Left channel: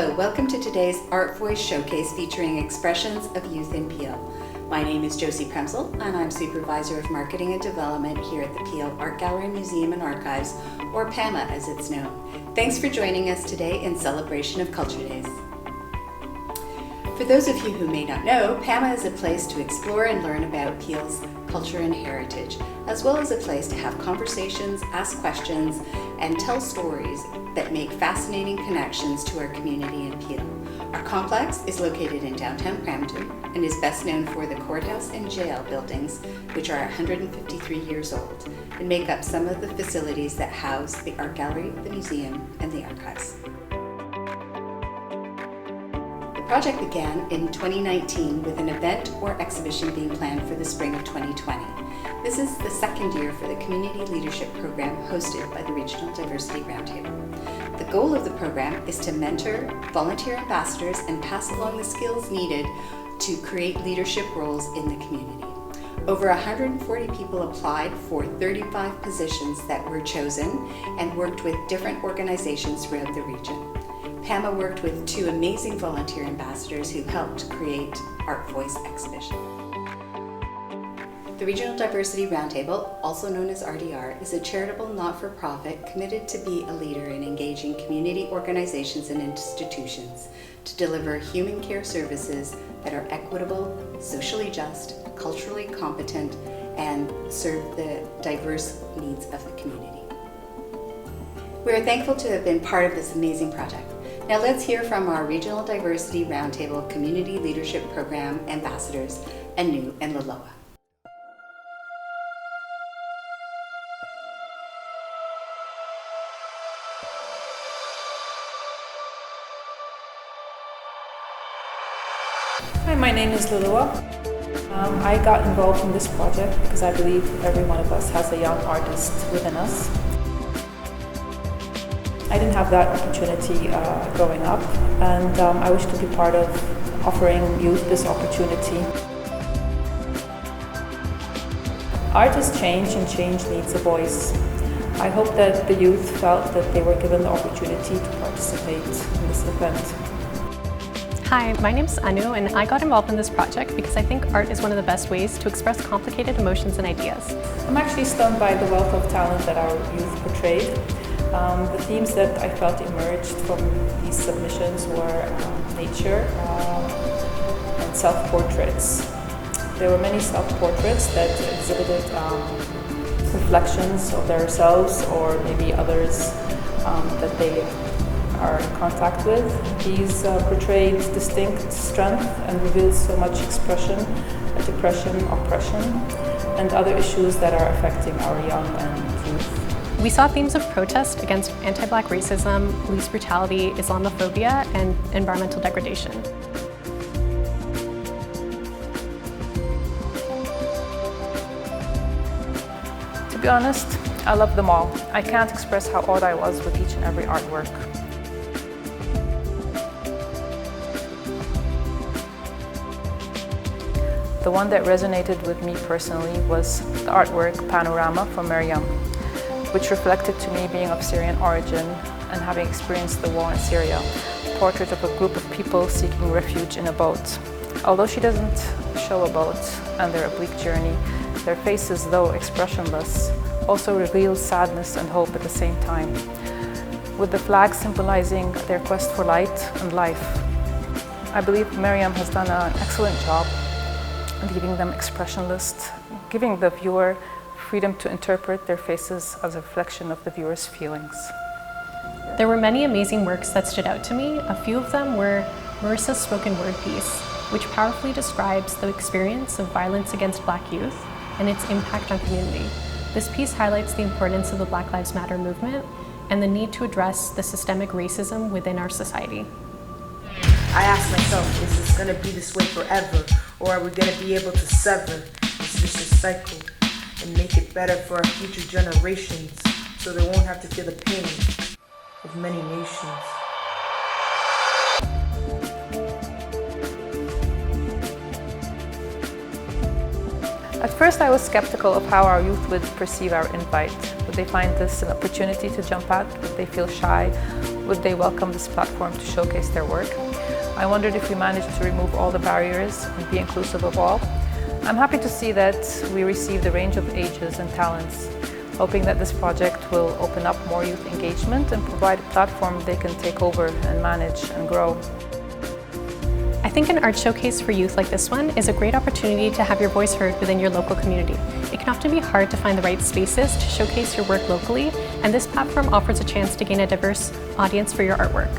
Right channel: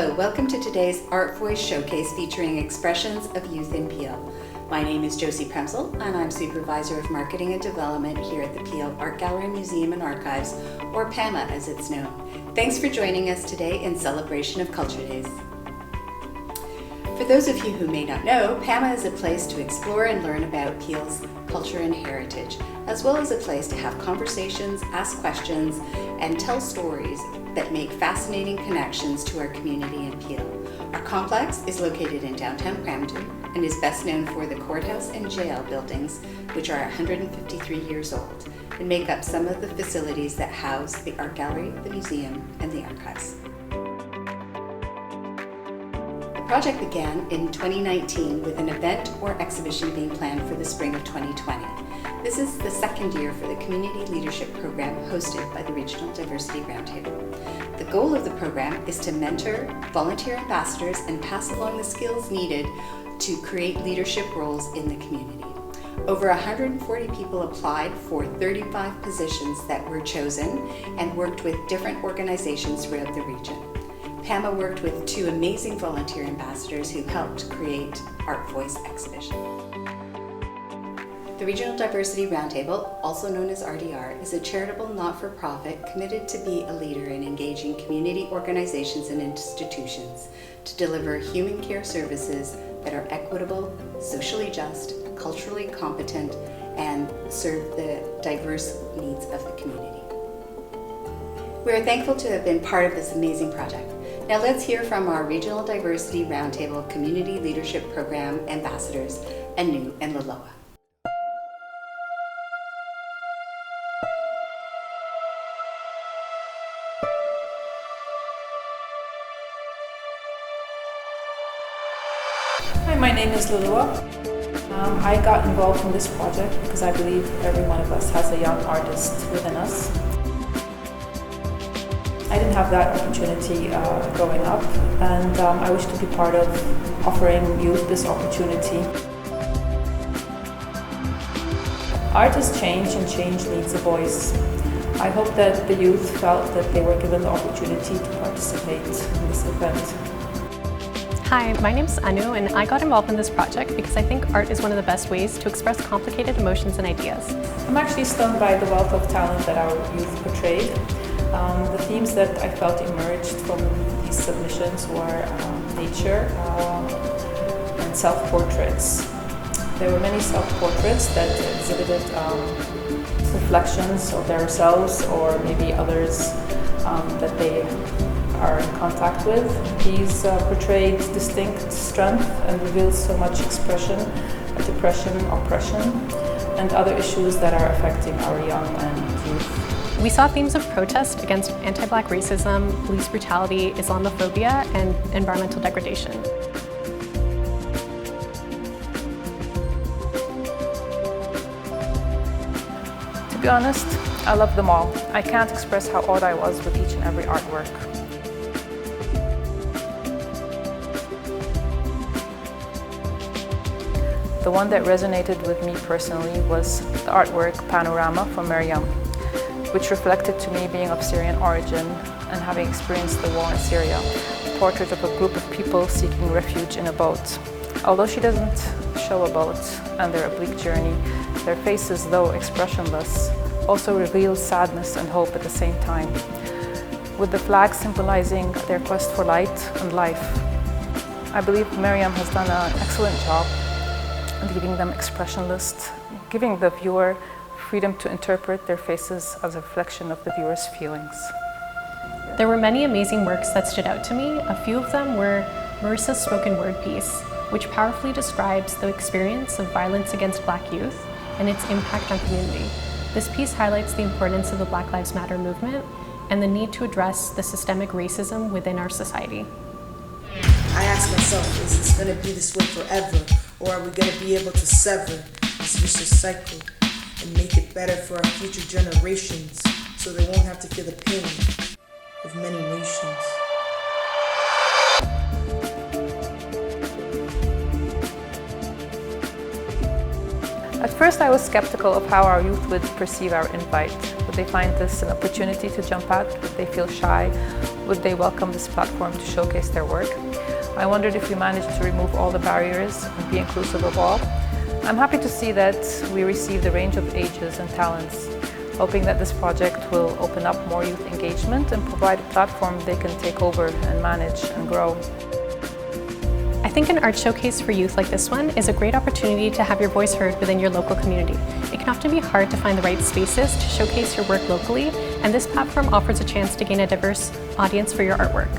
Hello, welcome to today's Art Voice Showcase featuring expressions of youth in Peel. My name is Josie Premsel and I'm Supervisor of Marketing and Development here at the Peel Art Gallery, Museum and Archives, or PAMA as it's known. Thanks for joining us today in celebration of Culture Days. For those of you who may not know, PAMA is a place to explore and learn about Peel's culture and heritage, as well as a place to have conversations, ask questions, and tell stories that make fascinating connections to our community in Peel. Our complex is located in downtown Brampton and is best known for the courthouse and jail buildings, which are 153 years old, and make up some of the facilities that house the art gallery, the museum, and the archives. The project began in 2019 with an event or exhibition being planned for the spring of 2020. This is the second year for the Community Leadership Program hosted by the Regional Diversity Roundtable. The goal of the program is to mentor volunteer ambassadors and pass along the skills needed to create leadership roles in the community. Over 140 people applied for 35 positions that were chosen and worked with different organizations throughout the region. PAMA worked with two amazing volunteer ambassadors who helped create Art Voice exhibition. The Regional Diversity Roundtable, also known as RDR, is a charitable not-for-profit committed to be a leader in engaging community organizations and institutions to deliver human care services that are equitable, socially just, culturally competent, and serve the diverse needs of the community. We are thankful to have been part of this amazing project. Now let's hear from our Regional Diversity Roundtable Community Leadership Program ambassadors, Anu and Laloa. Hi, my name is Laloa. I got involved in this project because I believe every one of us has a young artist within us. I didn't have that opportunity growing up, and I wish to be part of offering youth this opportunity. Art is change, and change needs a voice. I hope that the youth felt that they were given the opportunity to participate in this event. Hi, my name's Anu, and I got involved in this project because I think art is one of the best ways to express complicated emotions and ideas. I'm actually stunned by the wealth of talent that our youth portrayed. The themes that I felt emerged from these submissions were nature and self-portraits. There were many self-portraits that exhibited reflections of themselves or maybe others that they are in contact with. These portrayed distinct strength and revealed so much expression, depression, oppression, and other issues that are affecting our young and youth. We saw themes of protest against anti-Black racism, police brutality, Islamophobia, and environmental degradation. To be honest, I love them all. I can't express how awed I was with each and every artwork. The one that resonated with me personally was the artwork Panorama from Miriam, which reflected to me being of Syrian origin and having experienced the war in Syria, a portrait of a group of people seeking refuge in a boat. Although she doesn't show a boat and their oblique journey, their faces, though expressionless, also reveal sadness and hope at the same time, with the flag symbolizing their quest for light and life. I believe Miriam has done an excellent job leaving them expressionless, giving the viewer freedom to interpret their faces as a reflection of the viewer's feelings. There were many amazing works that stood out to me. A few of them were Marissa's spoken word piece, which powerfully describes the experience of violence against Black youth and its impact on community. This piece highlights the importance of the Black Lives Matter movement and the need to address the systemic racism within our society. I asked myself, is this going to be this way forever, or are we going to be able to sever this vicious cycle and make it better for our future generations so they won't have to feel the pain of many nations? At first I was skeptical of how our youth would perceive our invite. Would they find this an opportunity to jump at? Would they feel shy? would they welcome this platform to showcase their work? I wondered if we managed to remove all the barriers and be inclusive of all. I'm happy to see that we received a range of ages and talents, hoping that this project will open up more youth engagement and provide a platform they can take over and manage and grow. I think an art showcase for youth like this one is a great opportunity to have your voice heard within your local community. It can often be hard to find the right spaces to showcase your work locally, and this platform offers a chance to gain a diverse audience for your artwork.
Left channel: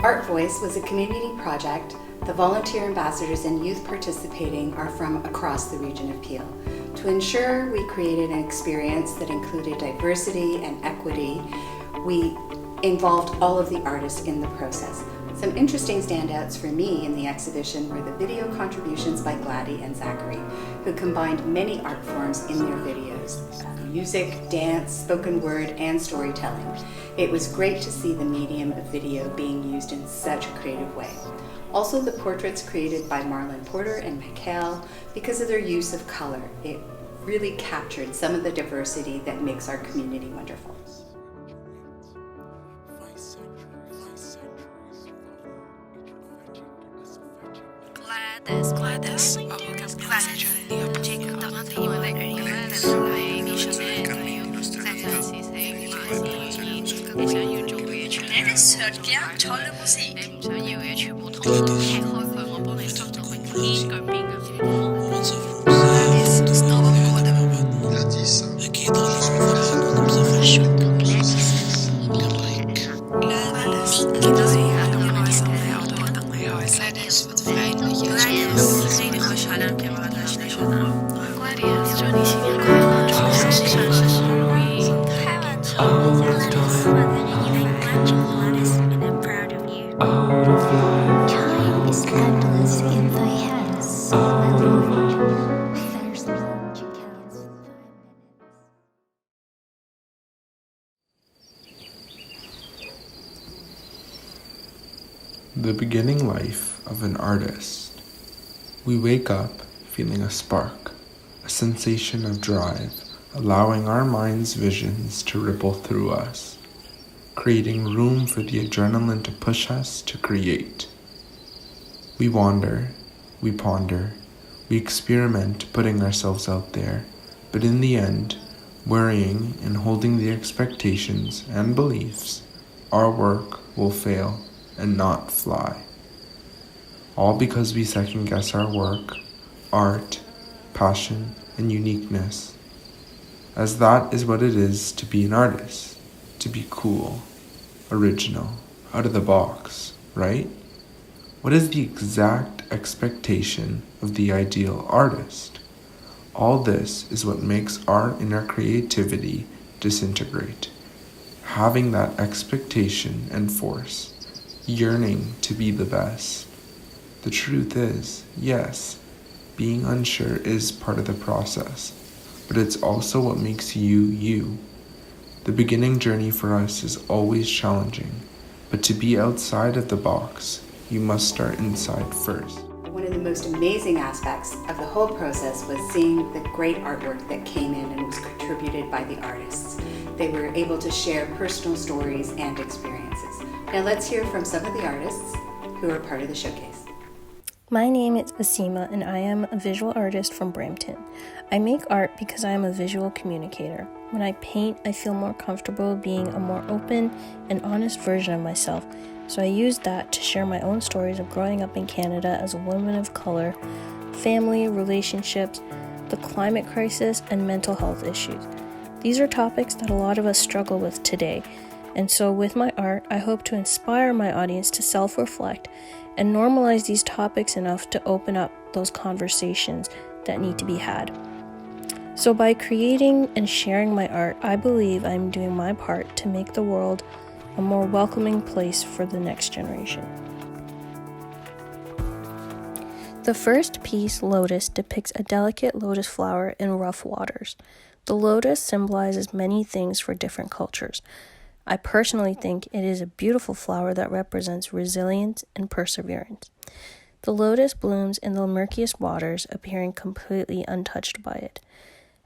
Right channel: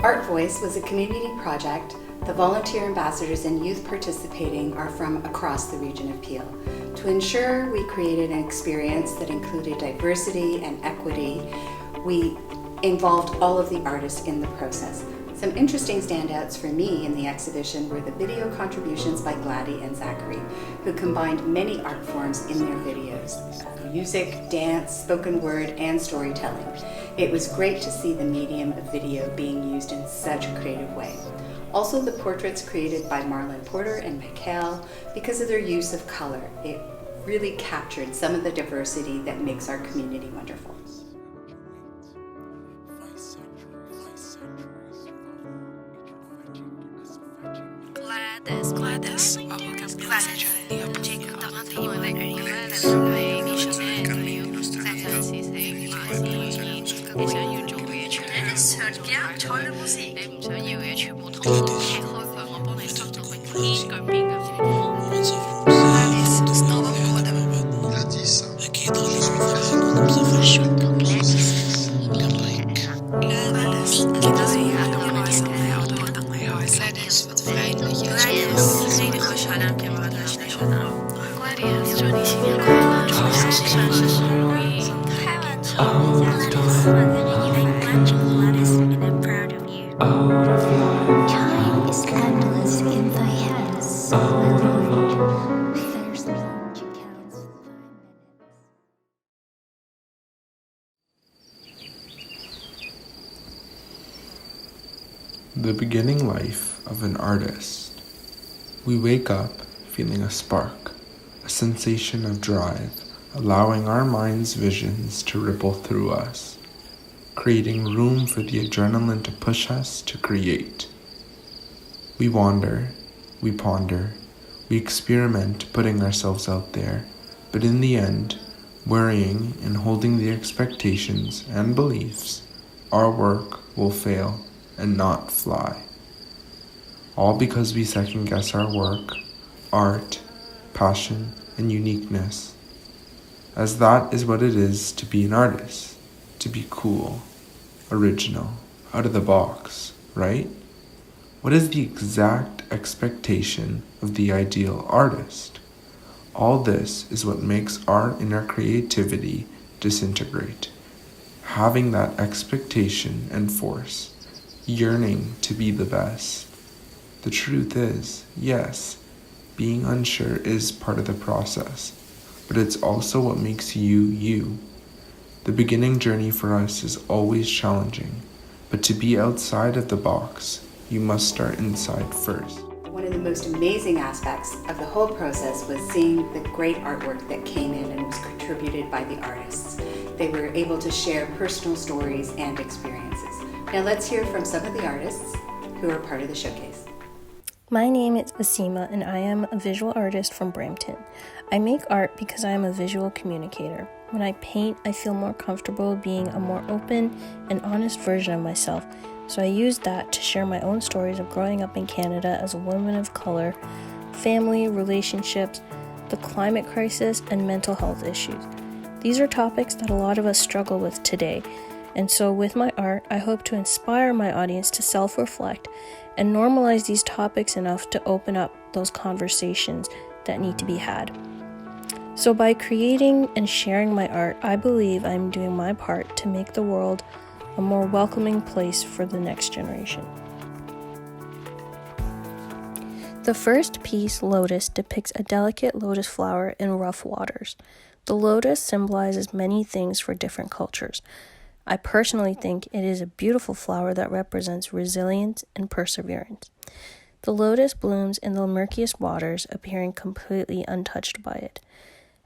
Art Voice was a community project. The volunteer ambassadors and youth participating are from across the region of Peel. To ensure we created an experience that included diversity and equity, we involved all of the artists in the process. Some interesting standouts for me in the exhibition were the video contributions by Gladys and Zachary, who combined many art forms in their videos: music, dance, spoken word, and storytelling. It was great to see the medium of video being used in such a creative way. Also, the portraits created by Marlon Porter and Michael, because of their use of color, it really captured some of the diversity that makes our community wonderful. Gladys, hørte gerne tolle musik. The beginning life of an artist. We wake up feeling a spark, a sensation of drive, allowing our mind's visions to ripple through us, creating room for the adrenaline to push us to create. We wander, we ponder, we experiment putting ourselves out there, but in the end, worrying and holding the expectations and beliefs, our work will fail and not fly. All because we second guess our work, art, passion, and uniqueness. As that is what it is to be an artist, to be cool, original, out of the box, right? What is the exact expectation of the ideal artist? All this is what makes our inner creativity disintegrate. Having that expectation and force, yearning to be the best. The truth is, yes, being unsure is part of the process, but it's also what makes you, you. The beginning journey for us is always challenging, but to be outside of the box, you must start inside first. One of the most amazing aspects of the whole process was seeing the great artwork that came in and was contributed by the artists. They were able to share personal stories and experiences. Now let's hear from some of the artists who are part of the showcase. My name is Asima and I am a visual artist from Brampton. I make art because I am a visual communicator. When I paint, I feel more comfortable being a more open and honest version of myself. So I use that to share my own stories of growing up in Canada as a woman of color, family, relationships, the climate crisis, and mental health issues. These are topics that a lot of us struggle with today. And so with my art, I hope to inspire my audience to self-reflect and normalize these topics enough to open up those conversations that need to be had. So by creating and sharing my art, I believe I'm doing my part to make the world a more welcoming place for the next generation. The first piece, Lotus, depicts a delicate lotus flower in rough waters. The lotus symbolizes many things for different cultures. I personally think it is a beautiful flower that represents resilience and perseverance. The lotus blooms in the murkiest waters, appearing completely untouched by it,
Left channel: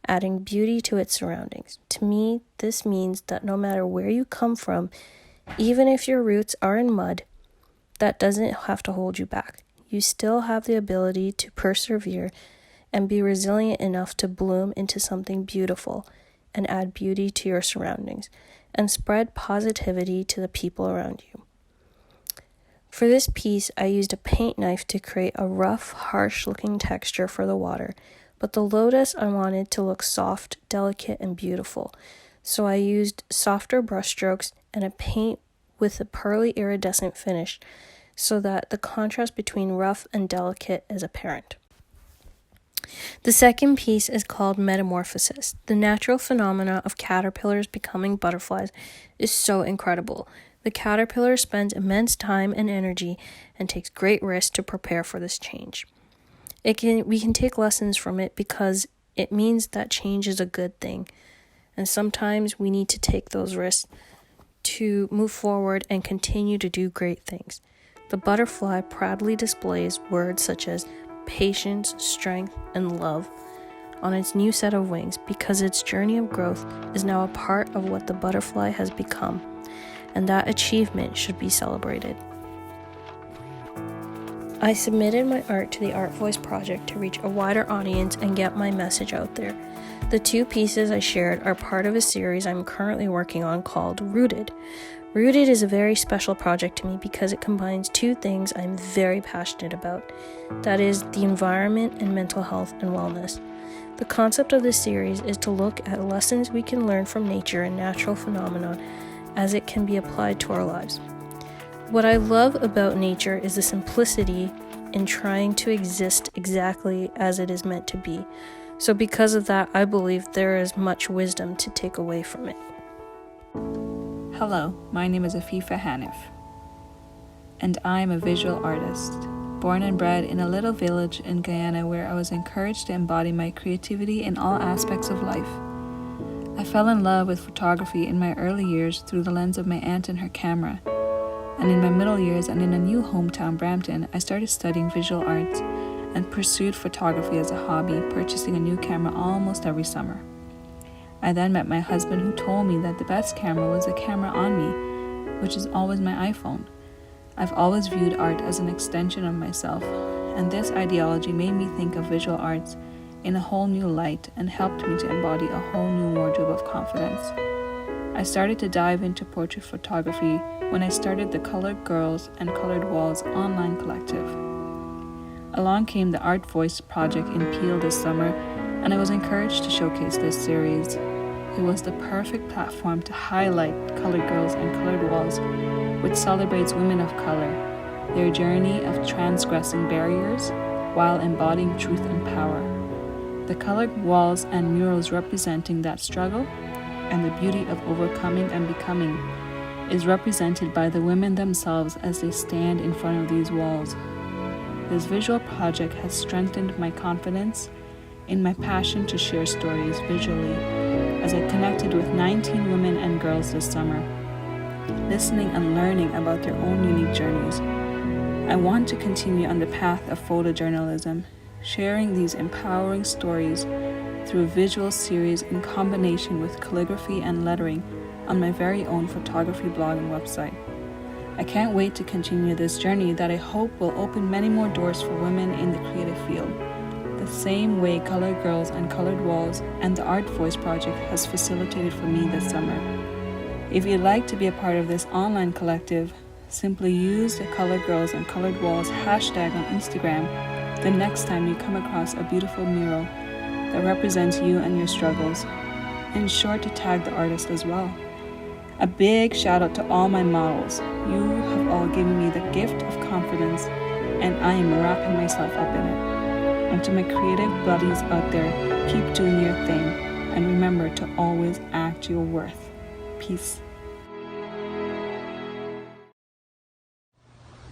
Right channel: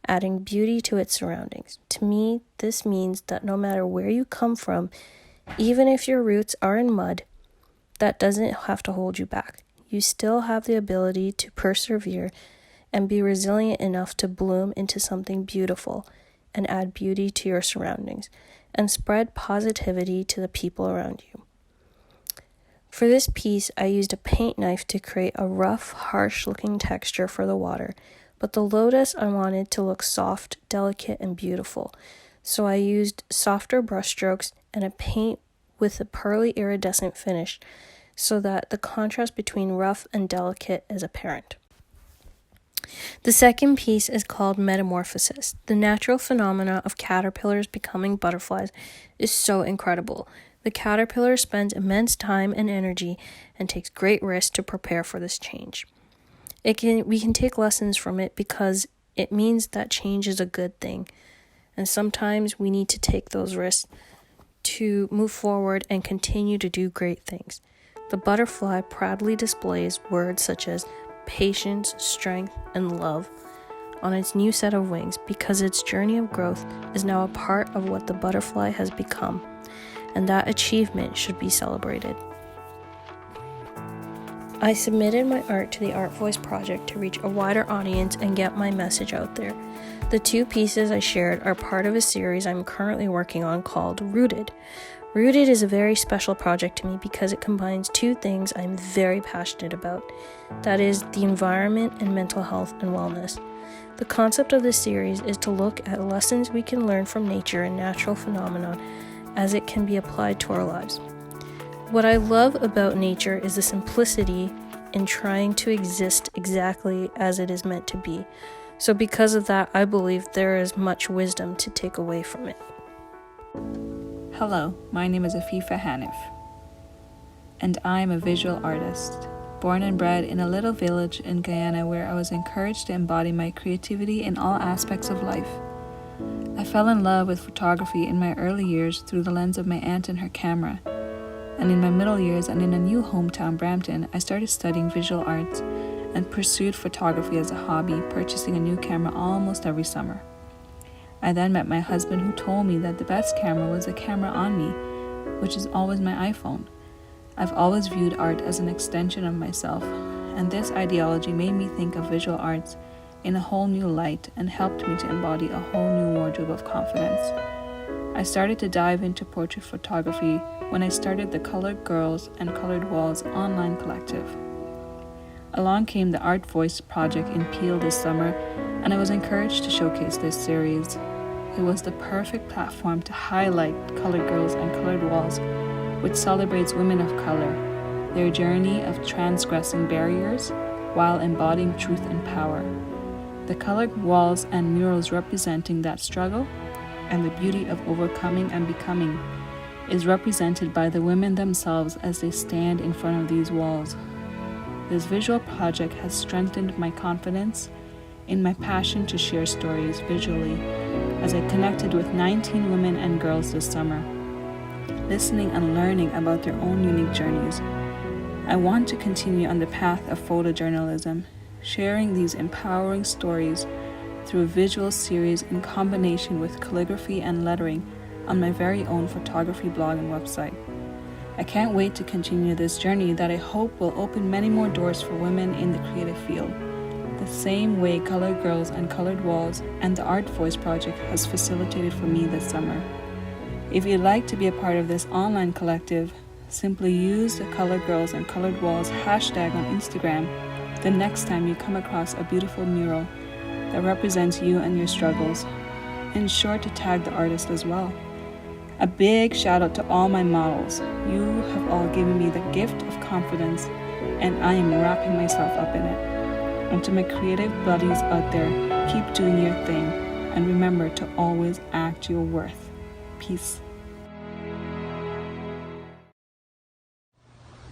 adding beauty to its surroundings. To me, this means that no matter where you come from, even if your roots are in mud, that doesn't have to hold you back. You still have the ability to persevere and be resilient enough to bloom into something beautiful and add beauty to your surroundings and spread positivity to the people around you. For this piece, I used a paint knife to create a rough, harsh-looking texture for the water, but the lotus I wanted to look soft, delicate, and beautiful, so I used softer brushstrokes and a paint with a pearly iridescent finish so that the contrast between rough and delicate is apparent. The second piece is called Metamorphosis. The natural phenomena of caterpillars becoming butterflies is so incredible. The caterpillar spends immense time and energy and takes great risks to prepare for this change. We can take lessons from it because it means that change is a good thing, and sometimes we need to take those risks to move forward and continue to do great things. The butterfly proudly displays words such as patience, strength, and love on its new set of wings because its journey of growth is now a part of what the butterfly has become, and that achievement should be celebrated. I submitted my art to the Art Voice project to reach a wider audience and get my message out there. The two pieces I shared are part of a series I'm currently working on called Rooted. Rooted is a very special project to me because it combines two things I'm very passionate about. That is the environment and mental health and wellness. The concept of this series is to look at lessons we can learn from nature and natural phenomena as it can be applied to our lives. What I love about nature is the simplicity in trying to exist exactly as it is meant to be. So because of that, I believe there is much wisdom to take away from it. Hello, my name is Afifa Hanif, and I'm a visual artist, born and bred in a little village in Guyana where I was encouraged to embody my creativity in all aspects of life. I fell in love with photography in my early years through the lens of my aunt and her camera, and in my middle years and in a new hometown, Brampton, I started studying visual arts and pursued photography as a hobby, purchasing a new camera almost every summer. I then met my husband, who told me that the best camera was the camera on me, which is always my iPhone. I've always viewed art as an extension of myself, and this ideology made me think of visual arts in a whole new light and helped me to embody a whole new wardrobe of confidence. I started to dive into portrait photography when I started the Colored Girls and Colored Walls online collective. Along came the Art Voice project in Peel this summer, and I was encouraged to showcase this series. It was the perfect platform to highlight Colored Girls and Colored Walls, which celebrates women of color, their journey of transgressing barriers while embodying truth and power. The colored walls and murals representing that struggle and the beauty of overcoming and becoming is represented by the women themselves as they stand in front of these walls. This visual project has strengthened my confidence in my passion to share stories visually as I connected with 19 women and girls this summer, listening and learning about their own unique journeys. I want to continue on the path of photojournalism, sharing these empowering stories through a visual series in combination with calligraphy and lettering on my very own photography blog and website. I can't wait to continue this journey that I hope will open many more doors for women in the creative field, the same way Colored Girls and Colored Walls and the Art Voice project has facilitated for me this summer. If you'd like to be a part of this online collective, simply use the Colored Girls and Colored Walls hashtag on Instagram the next time you come across a beautiful mural that represents you and your struggles. And sure to tag the artist as well. A big shout out to all my models. You have all given me the gift of confidence, and I am wrapping myself up in it. And to my creative buddies out there, keep doing your thing, and remember to always act your worth. Peace.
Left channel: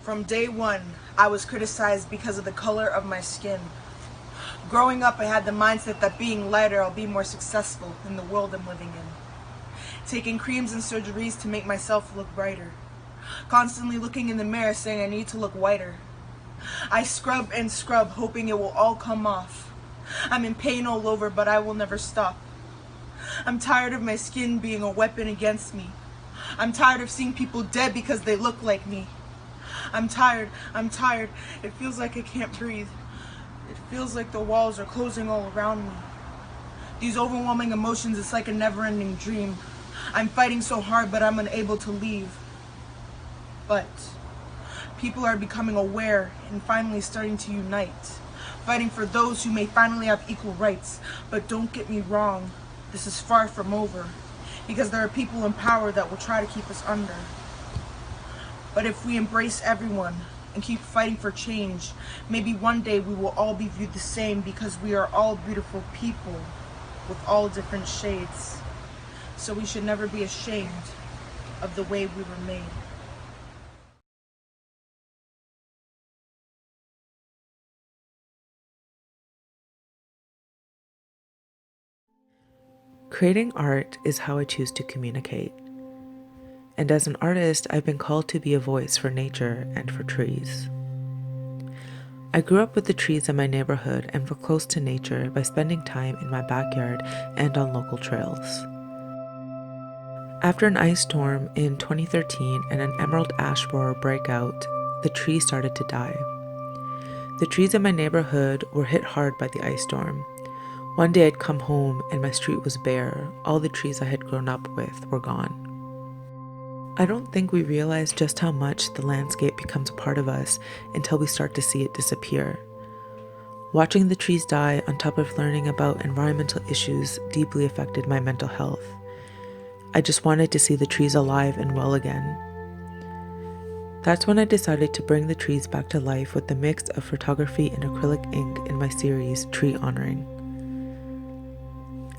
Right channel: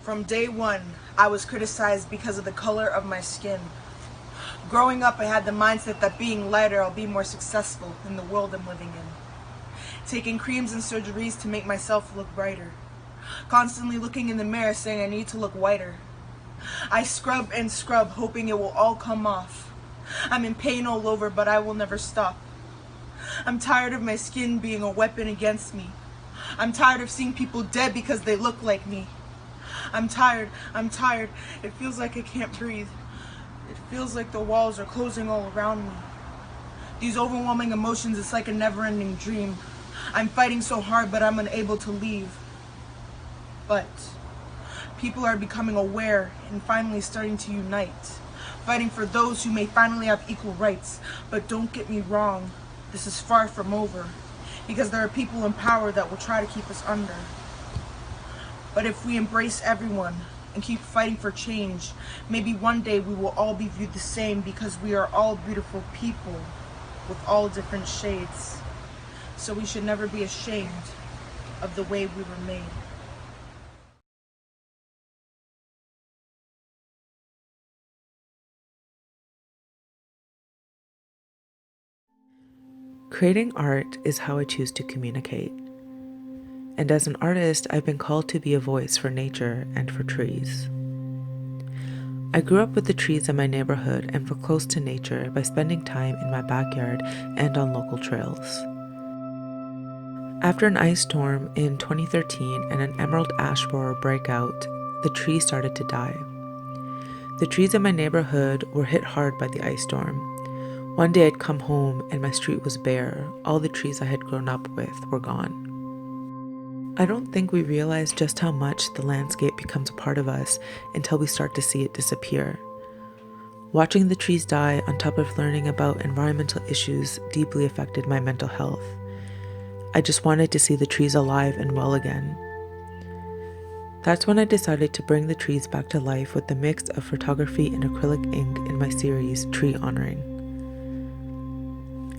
From day one, I was criticized because of the color of my skin. Growing up, I had the mindset that being lighter, I'll be more successful in the world I'm living in. Taking creams and surgeries to make myself look brighter. Constantly looking in the mirror saying I need to look whiter. I scrub and scrub, hoping it will all come off. I'm in pain all over, but I will never stop. I'm tired of my skin being a weapon against me. I'm tired of seeing people dead because they look like me. I'm tired. It feels like I can't breathe. It feels like the walls are closing all around me. These overwhelming emotions, it's like a never-ending dream. I'm fighting so hard, but I'm unable to leave. But people are becoming aware and finally starting to unite, fighting for those who may finally have equal rights. But don't get me wrong, this is far from over, because there are people in power that will try to keep us under. But if we embrace everyone and keep fighting for change, maybe one day we will all be viewed the same, because we are all beautiful people with all different shades. So we should never be ashamed of the way we were made. Creating art is how I choose to communicate. And as an artist, I've been called to be a voice for nature and for trees. I grew up with the trees in my neighborhood and were close to nature by spending time in my backyard and on local trails. After an ice storm in 2013 and an emerald ash borer breakout, the trees started to die. The trees in my neighborhood were hit hard by the ice storm. One day I'd come home and my street was bare. All the trees I had grown up with were gone. I don't think we realize just how much the landscape becomes a part of us until we start to see it disappear. Watching the trees die on top of learning about environmental issues deeply affected my mental health. I just wanted to see the trees alive and well again. That's when I decided to bring the trees back to life with the mix of photography and acrylic ink in my series, Tree Honoring.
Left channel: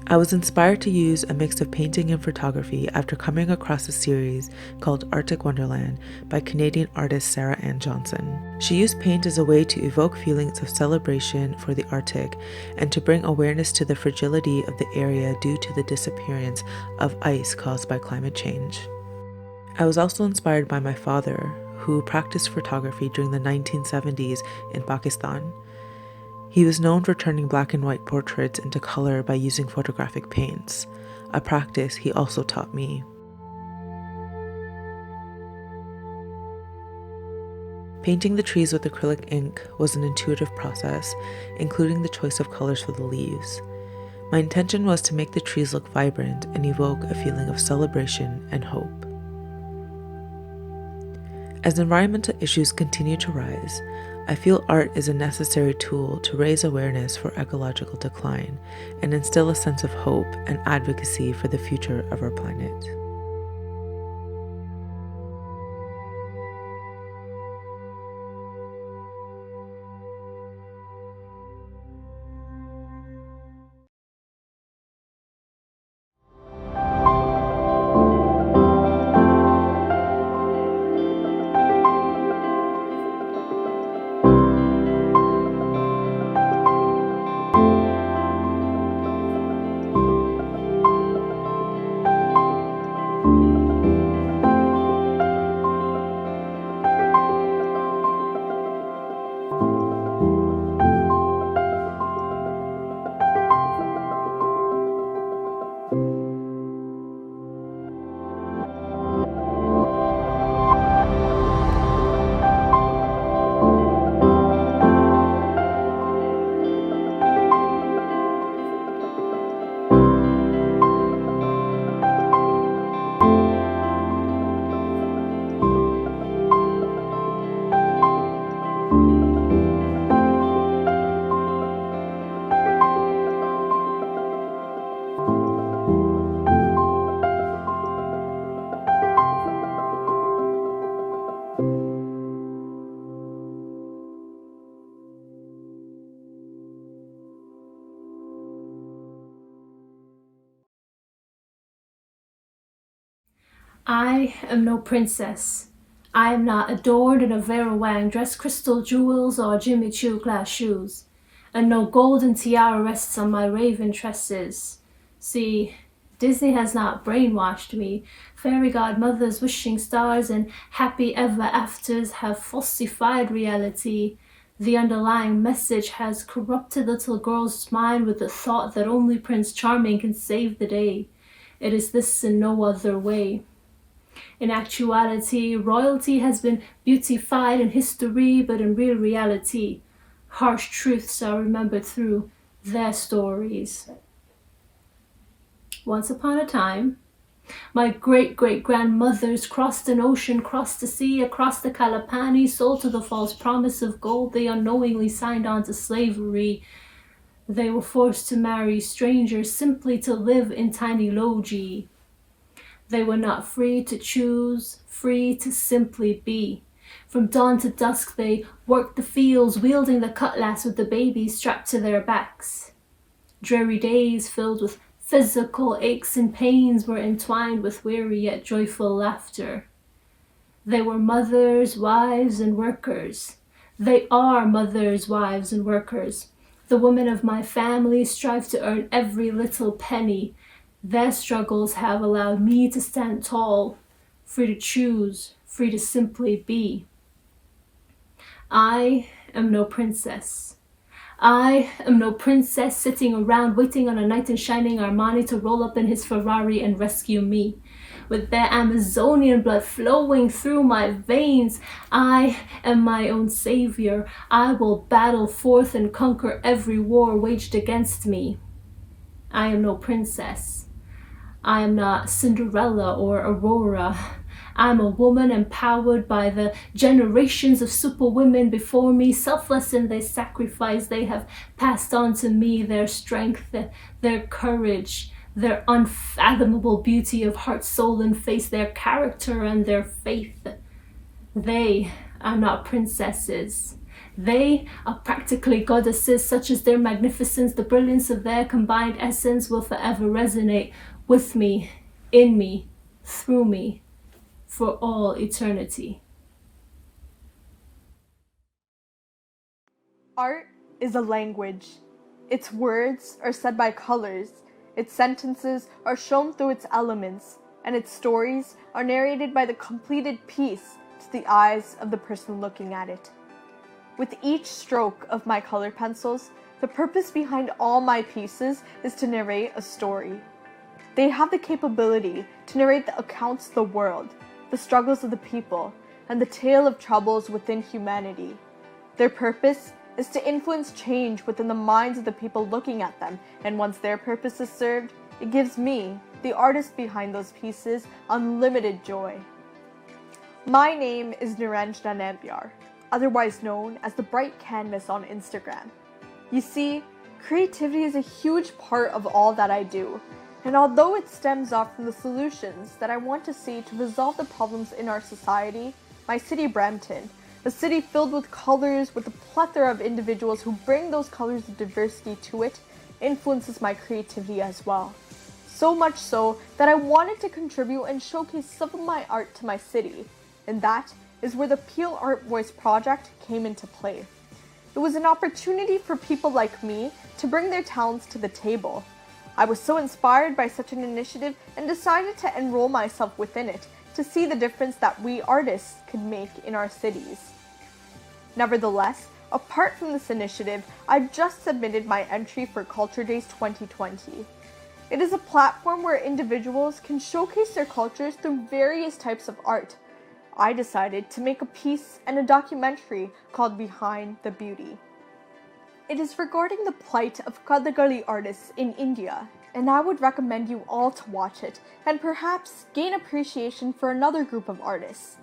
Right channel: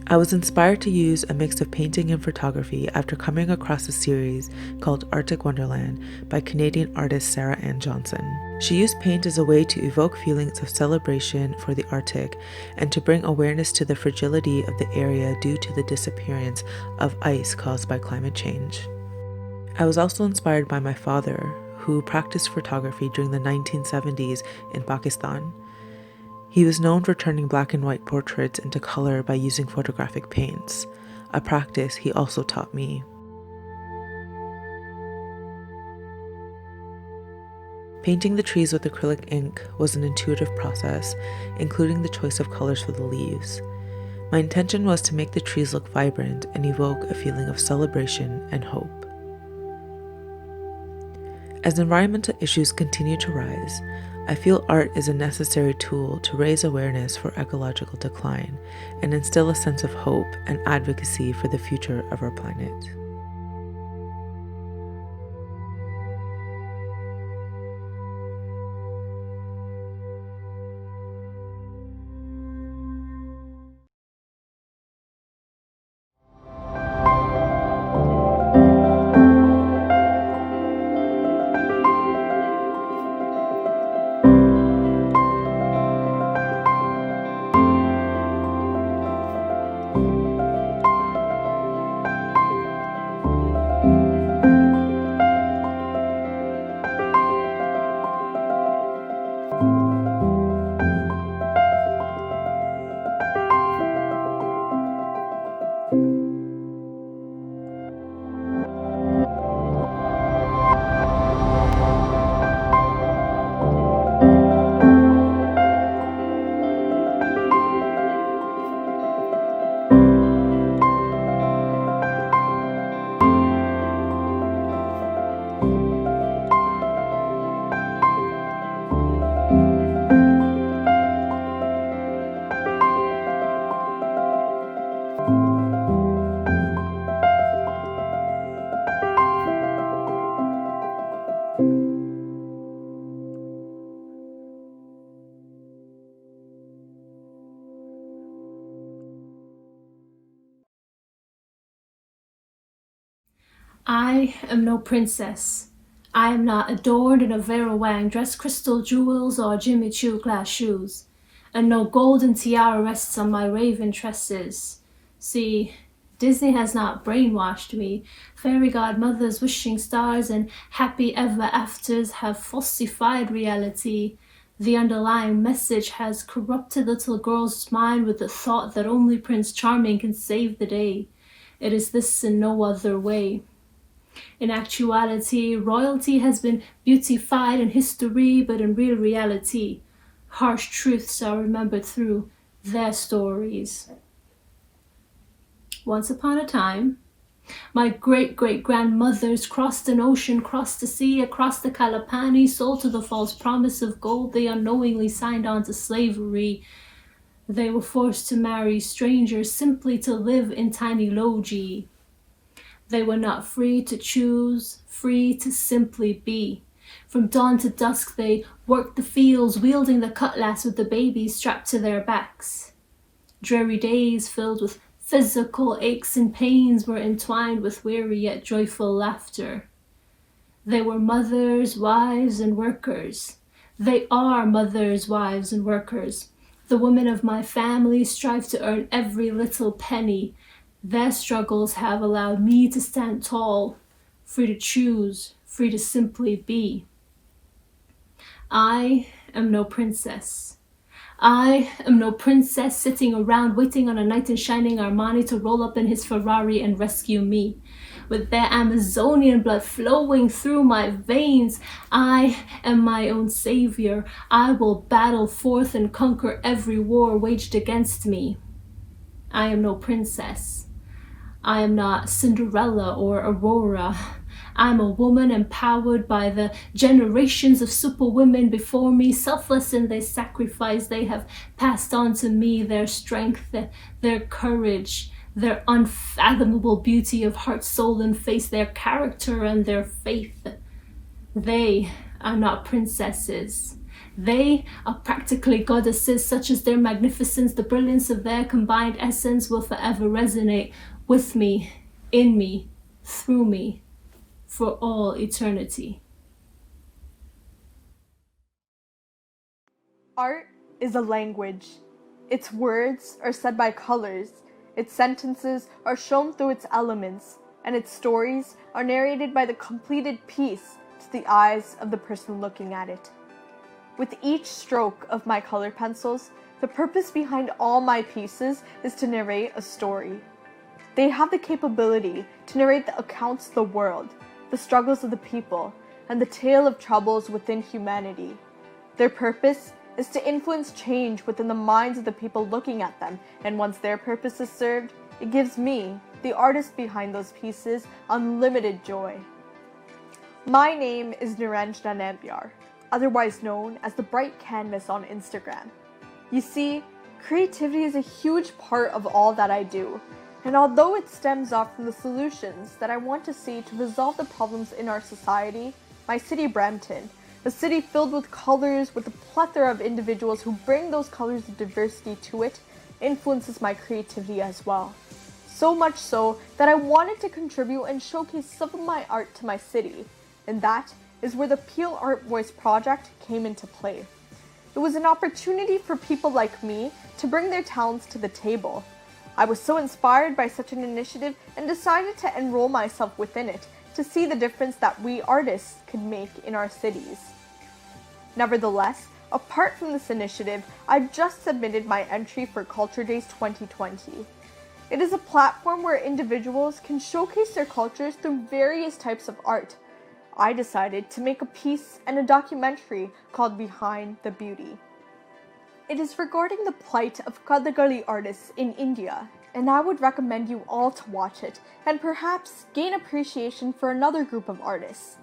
I was inspired to use a mix of painting and photography after coming across a series called Arctic Wonderland by Canadian artist Sarah Ann Johnson. She used paint as a way to evoke feelings of celebration for the Arctic and to bring awareness to the fragility of the area due to the disappearance of ice caused by climate change. I was also inspired by my father, who practiced photography during the 1970s in Pakistan. He was known for turning black and white portraits into color by using photographic paints, a practice he also taught me. Painting the trees with acrylic ink was an intuitive process, including the choice of colors for the leaves. My intention was to make the trees look vibrant and evoke a feeling of celebration and hope. As environmental issues continue to rise, I feel art is a necessary tool to raise awareness for ecological decline and instill a sense of hope and advocacy for the future of our planet. I am no princess. I am not adored in a Vera Wang dress, crystal jewels, or Jimmy Choo glass shoes, and no golden tiara rests on my raven tresses. See, Disney has not brainwashed me. Fairy godmothers, wishing stars, and happy ever afters have falsified reality. The underlying message has corrupted little girl's mind with the thought that only Prince Charming can save the day. It is this and no other way. In actuality, royalty has been beautified in history, but in real reality, harsh truths are remembered through their stories. Once upon a time, my great-great-grandmothers crossed an ocean, crossed the sea, across the Kalapani, sold to the false promise of gold. They unknowingly signed on to slavery. They were forced to marry strangers simply to live in tiny logi. They were not free to choose, free to simply be. From dawn to dusk they worked the fields, wielding the cutlass with the babies strapped to their backs. Dreary days filled with physical aches and pains were entwined with weary yet joyful laughter. They were mothers, wives, and workers. They are mothers, wives, and workers. The women of my family strive to earn every little penny. Their struggles have allowed me to stand tall, free to choose, free to simply be. I am no princess. I am no princess sitting around waiting on a knight in shining Armani to roll up in his Ferrari and rescue me. With their Amazonian blood flowing through my veins, I am my own savior. I will battle forth and conquer every war waged against me. I am no princess. I am not Cinderella or Aurora. I am a woman empowered by the generations of superwomen before me, selfless in their sacrifice. They have passed on to me their strength, their courage, their unfathomable beauty of heart, soul, and face, their character and their faith. They are not princesses. They are practically goddesses, such as their magnificence, the brilliance of their combined essence will forever resonate with me, in me, through me, for all eternity. Art is a language. Its words are said by colors, its sentences are shown through its elements, and its stories are narrated by the completed piece to the eyes of the person looking at it. With each stroke of my color pencils, the purpose behind all my pieces is to narrate a story. They have the capability to narrate the accounts of the world, the struggles of the people, and the tale of troubles within humanity. Their purpose is to influence change within the minds of the people looking at them, and once their purpose is served, it gives me, the artist behind those pieces, unlimited joy. My name is Niranjana Nambiar, otherwise known as the Bright Canvas on Instagram. You see, creativity is a huge part of all that I do, and although it stems off from the solutions that I want to see to resolve the problems in our society, my city Brampton, a city filled with colors with a plethora of individuals who bring those colors of diversity to it, influences my creativity as well. So much so that I wanted to contribute and showcase some of my art to my city, and that is where the Peel Art Voice project came into play. It was an opportunity for people like me to bring their talents to the table. I was so inspired by such an initiative and decided to enroll myself within it to see the difference that we artists could make in our cities. Nevertheless, apart from this initiative, I've just submitted my entry for Culture Days 2020. It is a platform where individuals can showcase their cultures through various types of art. I decided to make a piece and a documentary called Behind the Beauty. It is regarding the plight of Kathakali artists in India, and I would recommend you all to watch it and perhaps gain appreciation for another group of artists.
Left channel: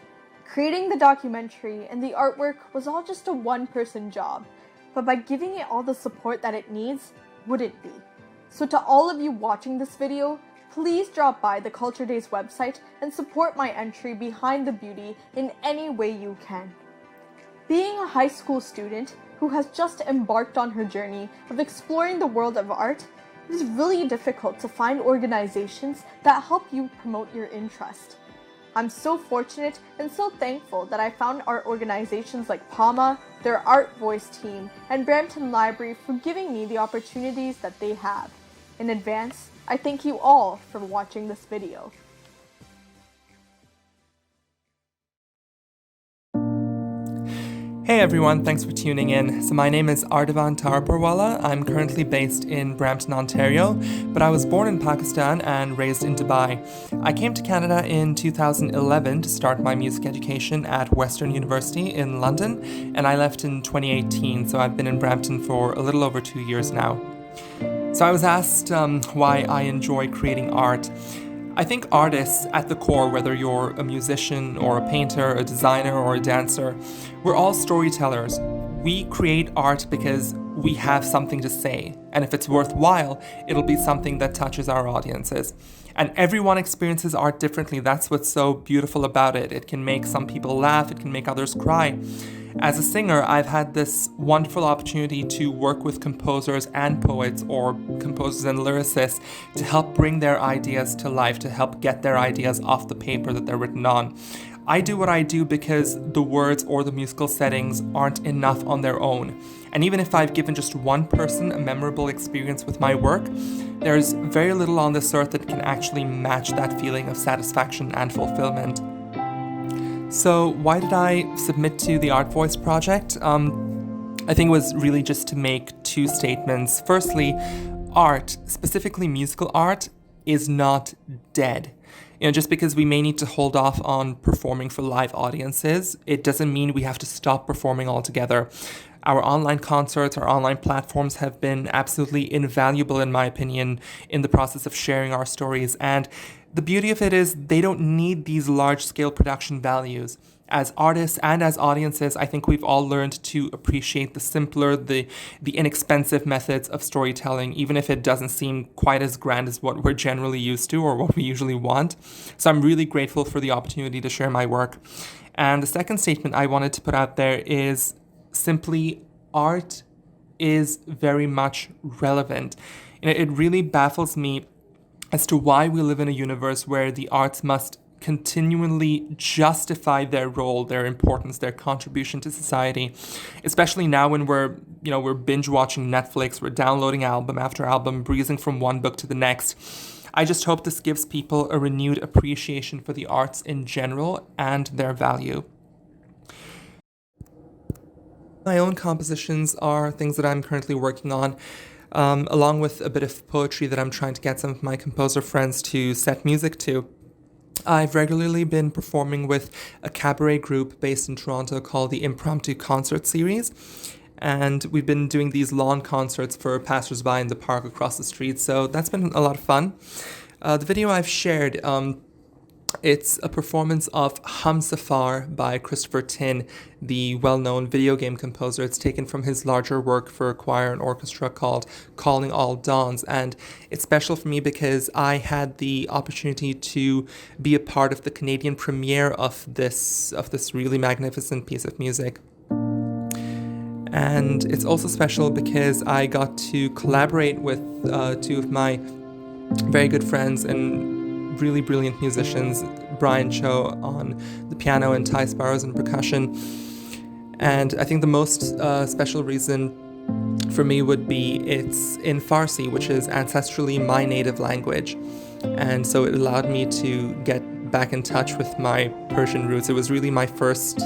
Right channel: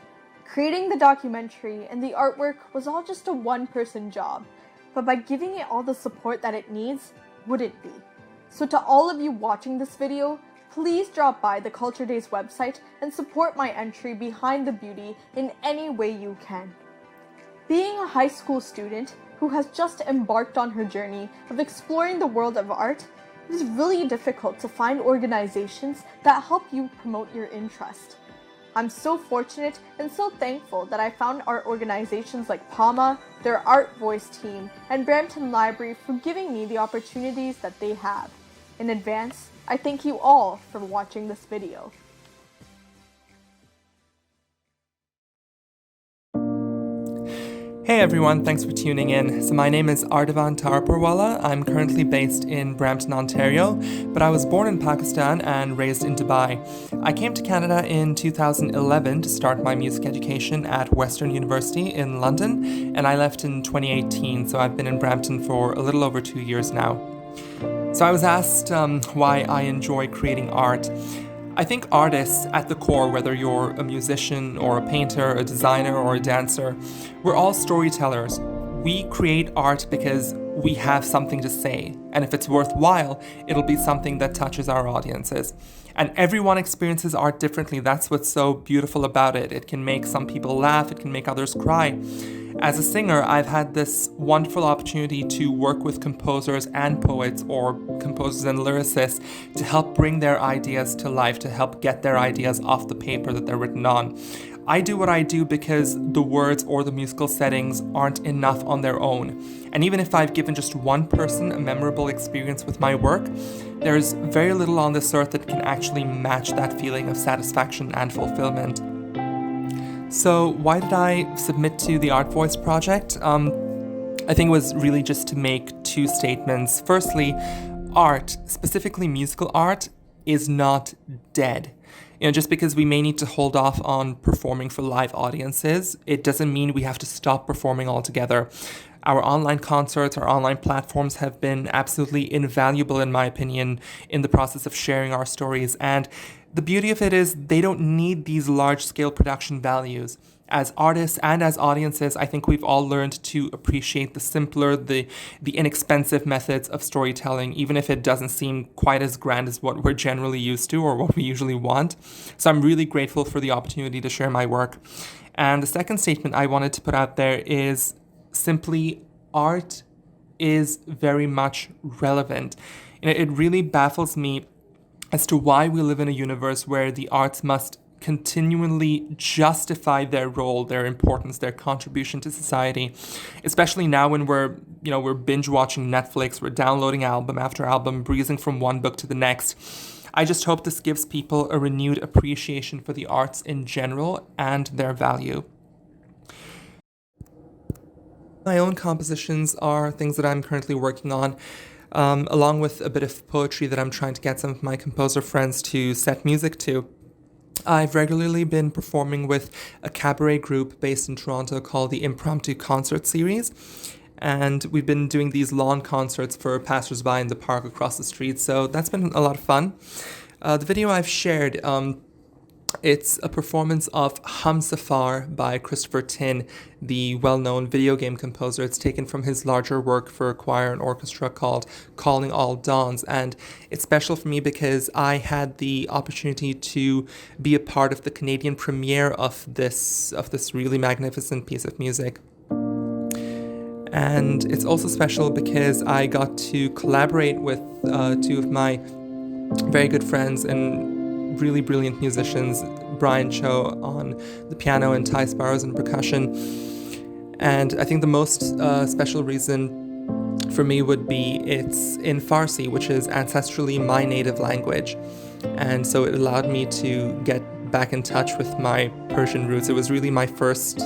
Creating the documentary and the artwork was all just a one-person job, but by giving it all the support that it needs, would it be? So to all of you watching this video, please drop by the Culture Days website and support my entry Behind the Beauty in any way you can. Being a high school student who has just embarked on her journey of exploring the world of art, it is really difficult to find organizations that help you promote your interest. I'm so fortunate and so thankful that I found art organizations like PAMA, their Art Voice team, and Brampton Library for giving me the opportunities that they have. In advance, I thank you all for watching this video. Hey everyone, thanks for tuning in. So my name is Ardavan Taraparwala. I'm currently based in Brampton, Ontario, but I was born in Pakistan and raised in Dubai. I came to Canada in 2011 to start my music education at Western University in London, and I left in 2018, so I've been in Brampton for a little over 2 years now. So I was asked why I enjoy creating art. I think artists at the core, whether you're a musician or a painter, a designer or a dancer, we're all storytellers. We create art because we have something to say, and if it's worthwhile, it'll be something that touches our audiences. And everyone experiences art differently. That's what's so beautiful about it. It can make some people laugh, it can make others cry. As a singer, I've had this wonderful opportunity to work with composers and poets, or composers and lyricists, to help bring their ideas to life, to help get their ideas off the paper that they're written on. I do what I do because the words or the musical settings aren't enough on their own. And even if I've given just one person a memorable experience with my work, there's very little on this earth that can actually match that feeling of satisfaction and fulfillment. So why did I submit to the Art Voice project? I think it was really just to make two statements. Firstly, art, specifically musical art, is not dead. Just because we may need to hold off on performing for live audiences, it doesn't mean we have to stop performing altogether. Our online concerts, our online platforms have been absolutely invaluable, in my opinion, in the process of sharing our stories. And the beauty of it is they don't need these large-scale production values. As artists and as audiences, I think we've all learned to appreciate the simpler, the inexpensive methods of storytelling, even if it doesn't seem quite as grand as what we're generally used to or what we usually want. So I'm really grateful for the opportunity to share my work. And the second statement I wanted to put out there is simply art is very much relevant. It really baffles me as to why we live in a universe where the arts must continually justify their role, their importance, their contribution to society, especially now when we're binge watching Netflix, we're downloading album after album, breezing from one book to the next. I just hope this gives people a renewed appreciation for the arts in general and their value. My own compositions are things that I'm currently working on, along with a bit of poetry that I'm trying to get some of my composer friends to set music to. I've regularly been performing with a cabaret group based in Toronto called the Impromptu Concert Series, and we've been doing these lawn concerts for passersby in the park across the street, so that's been a lot of fun. The video I've shared, it's a performance of Hamsafar by Christopher Tin, the well-known video game composer. It's taken from his larger work for choir and orchestra called Calling All Dawns, and it's special for me because I had the opportunity to be a part of the Canadian premiere of this really magnificent piece of music. And it's also special because I got to collaborate with two of my very good friends and really brilliant musicians, Brian Cho on the piano and Ty Sparrows on percussion. And I think the most special reason for me would be it's in Farsi, which is ancestrally my native language. And so it allowed me to get back in touch with my Persian roots. It was really my first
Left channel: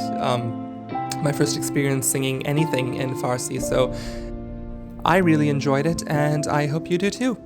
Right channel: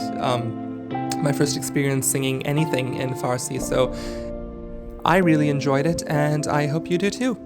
experience singing anything in Farsi. So I really enjoyed it, and I hope you do too.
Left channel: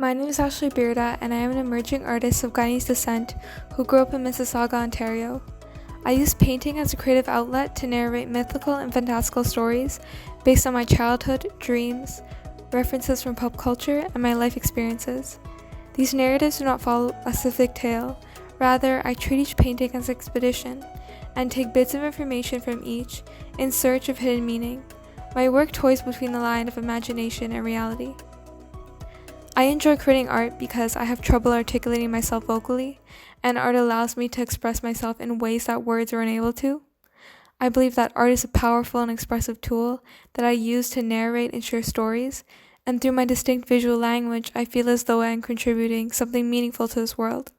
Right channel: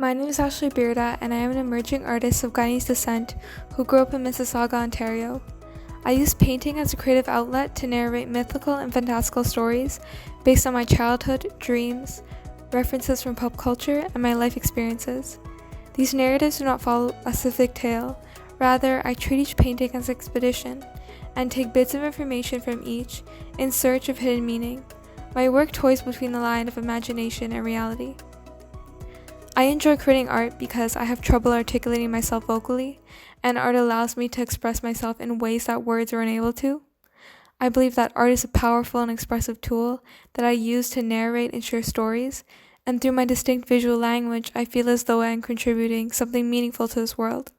My name is Ashley Bearda, and I am an emerging artist of Guyanese descent who grew up in Mississauga, Ontario. I use painting as a creative outlet to narrate mythical and fantastical stories based on my childhood, dreams, references from pop culture, and my life experiences. These narratives do not follow a specific tale. Rather, I treat each painting as an expedition and take bits of information from each in search of hidden meaning. My work toys between the line of imagination and reality. I enjoy creating art because I have trouble articulating myself vocally, and art allows me to express myself in ways that words are unable to. I believe that art is a powerful and expressive tool that I use to narrate and share stories, and through my distinct visual language, I feel as though I am contributing something meaningful to this world.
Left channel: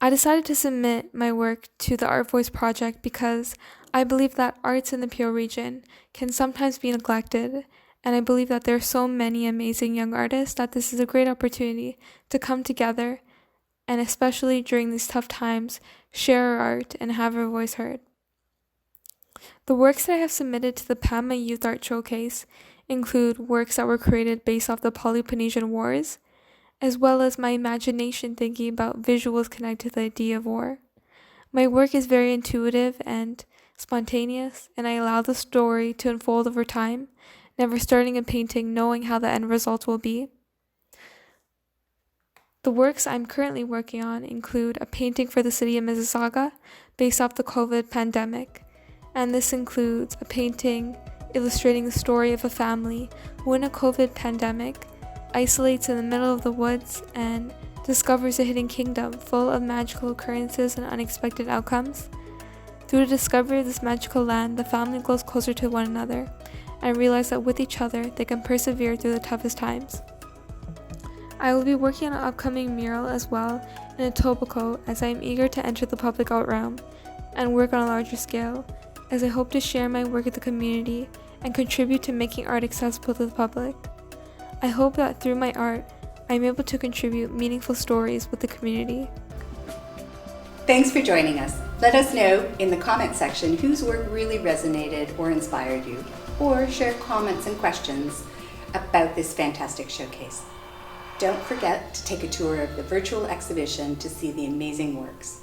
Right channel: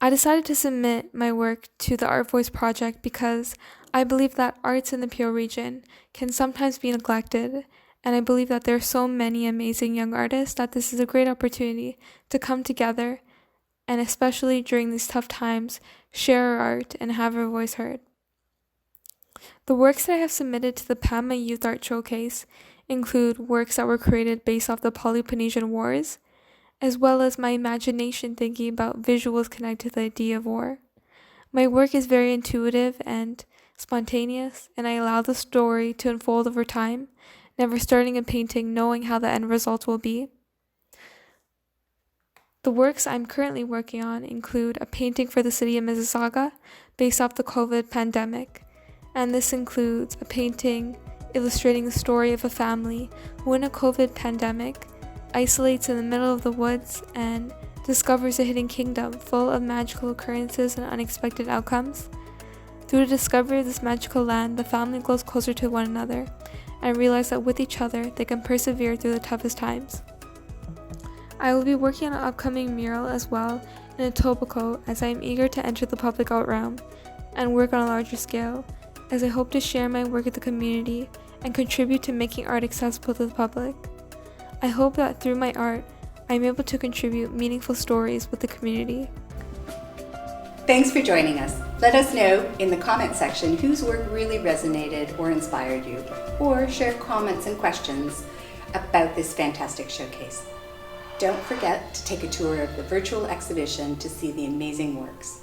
I decided to submit my work to the Art Voice project because I believe that arts in the Peel region can sometimes be neglected, and I believe that there are so many amazing young artists that this is a great opportunity to come together and, especially during these tough times, share our art and have our voice heard. The works that I have submitted to the PAMA Youth Art Showcase include works that were created based off the Peloponnesian Wars, as well as my imagination thinking about visuals connected to the idea of war. My work is very intuitive and spontaneous, and I allow the story to unfold over time, never starting a painting knowing how the end result will be. The works I'm currently working on include a painting for the city of Mississauga based off the COVID pandemic, and this includes a painting illustrating the story of a family who in a COVID pandemic isolates in the middle of the woods and discovers a hidden kingdom full of magical occurrences and unexpected outcomes. Through the discovery of this magical land, the family grows closer to one another and realize that with each other, they can persevere through the toughest times. I will be working on an upcoming mural as well in Etobicoke, as I am eager to enter the public art realm and work on a larger scale, as I hope to share my work with the community and contribute to making art accessible to the public. I hope that through my art, I am able to contribute meaningful stories with the community. Thanks for joining us. Let us know in the comment section whose work really resonated or inspired you, or share comments and questions about this fantastic showcase. Don't forget to take a tour of the virtual exhibition to see the amazing works.